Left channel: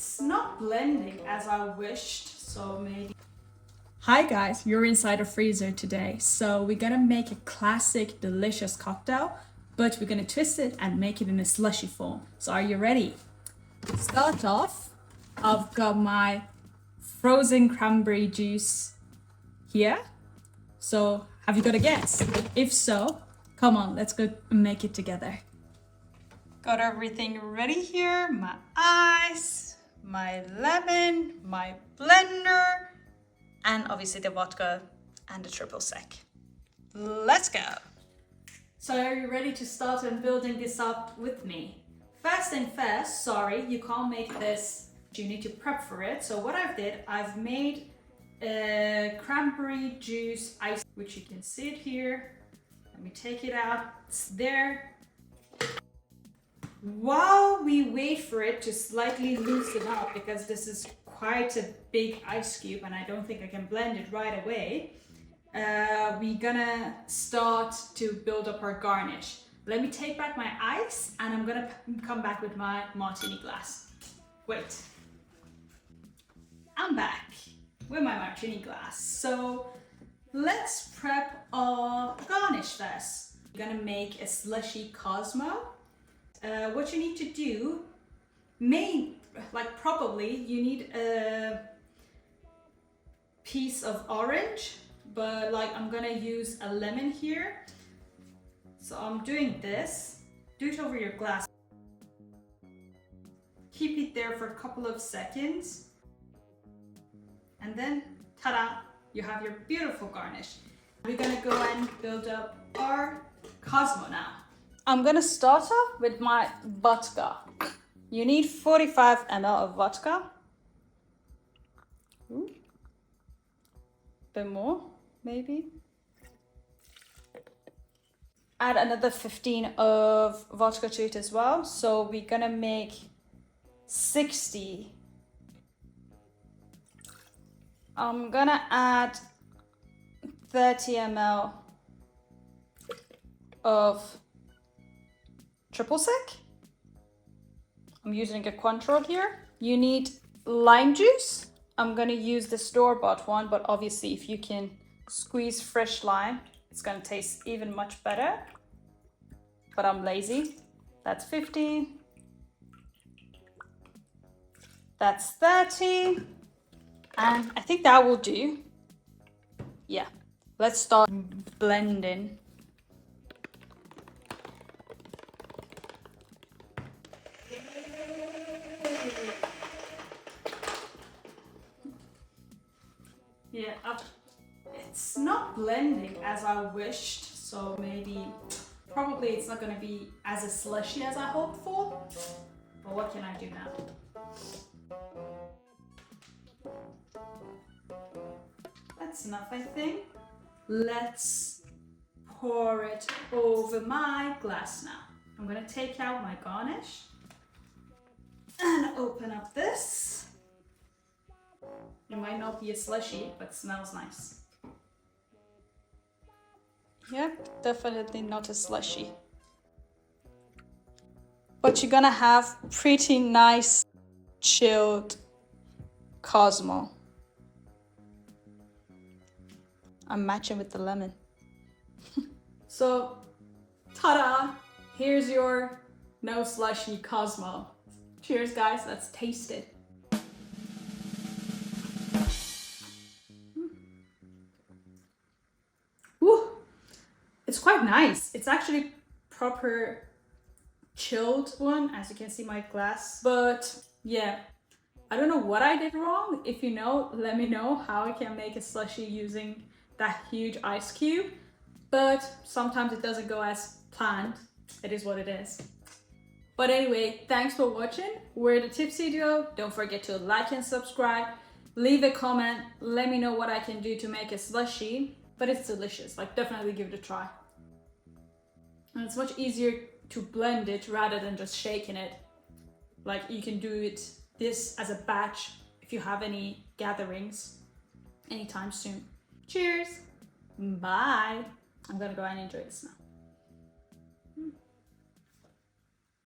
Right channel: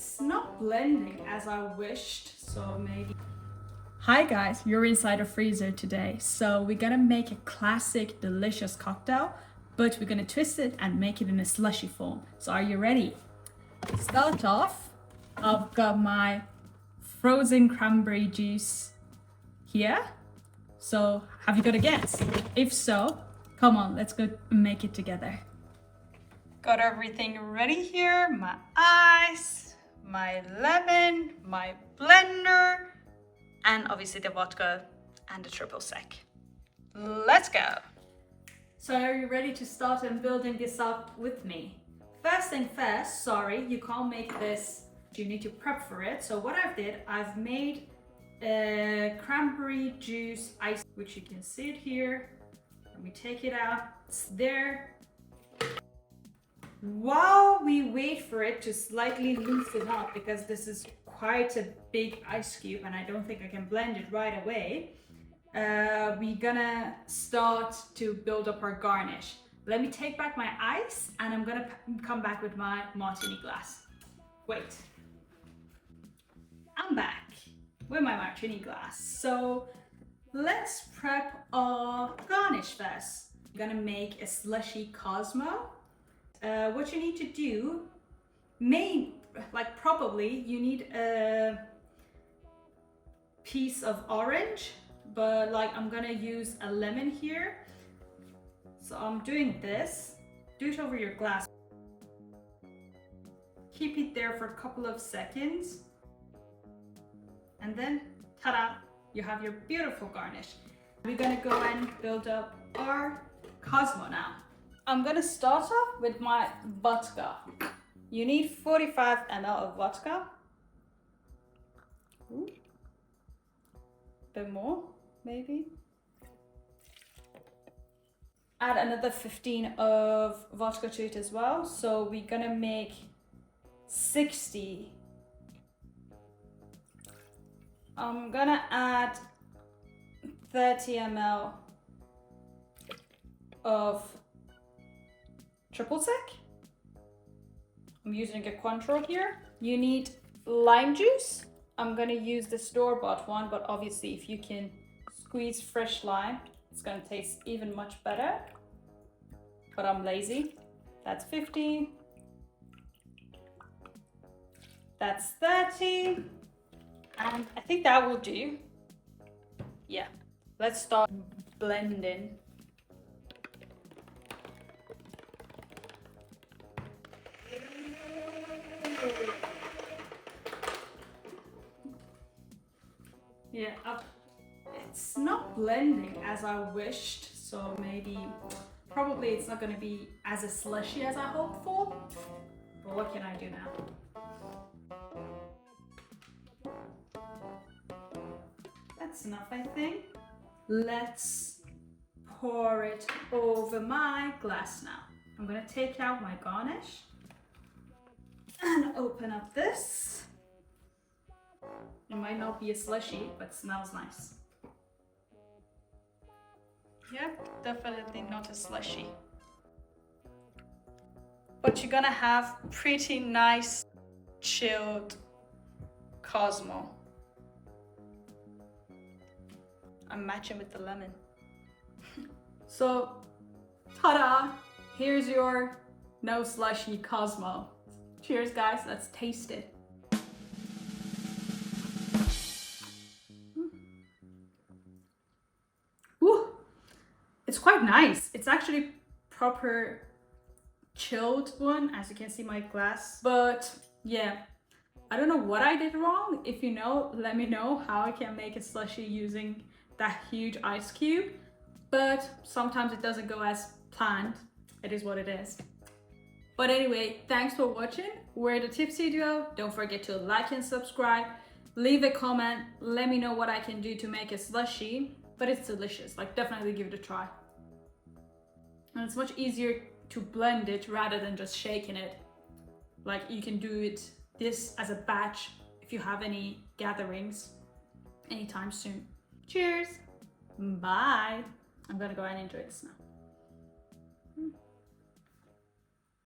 It's not blending as I wished, so maybe... Hi guys, you're inside a freezer today. So we're gonna make a classic delicious cocktail, but we're gonna twist it and make it in a slushy form. So are you ready? Start off, I've got my frozen cranberry juice here. So have you got a guess? If so, come on, let's go and make it together. Got everything ready here, my ice, my lemon, my blender, and obviously the vodka and the triple sec. Let's go. So are you ready to start and building this up with me? First thing first, sorry, you can't make this. You need to prep for it. So what I've made a cranberry juice ice, which you can see it here. Let me take it out, it's there. While we wait for it to slightly loosen up, because this is quite a big ice cube and I don't think I can blend it right away, we're gonna start to build up our garnish. Let me take back my ice and I'm gonna come back with my martini glass. Wait. I'm back with my martini glass. So let's prep our garnish first. We're gonna make a slushy Cosmo. What you need to do, probably you need a piece of orange, but I'm gonna use a lemon here. So I'm doing this. Do it over your glass. Keep it there for a couple of seconds. And then, ta-da, you have your beautiful garnish. We're gonna go and build up our Cosmo now. I'm gonna start off with my vodka. You need 45 ml of vodka. Ooh. Bit more, maybe. Add another 15 of vodka to it as well. So we're gonna make 60. I'm gonna add 30 ml of triple sec. I'm using a Cointreau here. You need lime juice. I'm gonna use the store-bought one, but obviously if you can squeeze fresh lime, it's gonna taste even much better. But I'm lazy. That's 50. That's 30. And I think that will do. Yeah, let's start blending. Yeah, it's not blending as I wished, so probably it's not going to be as a slushy as I hoped for, but what can I do now? That's enough, I think. Let's pour it over my glass now. I'm going to take out my garnish and open up this. It might not be a slushy, but smells nice. Yep, definitely not a slushy. But you're gonna have pretty nice chilled Cosmo. I'm matching with the lemon. So, ta-da! Here's your no slushy Cosmo. Cheers guys, let's taste it. It's quite nice. It's actually proper chilled one, as you can see my glass. But yeah, I don't know what I did wrong. If you know, let me know how I can make a slushy using that huge ice cube. But sometimes it doesn't go as planned. It is what it is. But anyway, thanks for watching. We're the Tipsy Duo. Don't forget to like and subscribe. Leave a comment. Let me know what I can do to make a slushy. But it's delicious. Definitely give it a try. And it's much easier to blend it rather than just shaking it. You can do this as a batch if you have any gatherings anytime soon. Cheers. Bye. I'm gonna go and enjoy this now.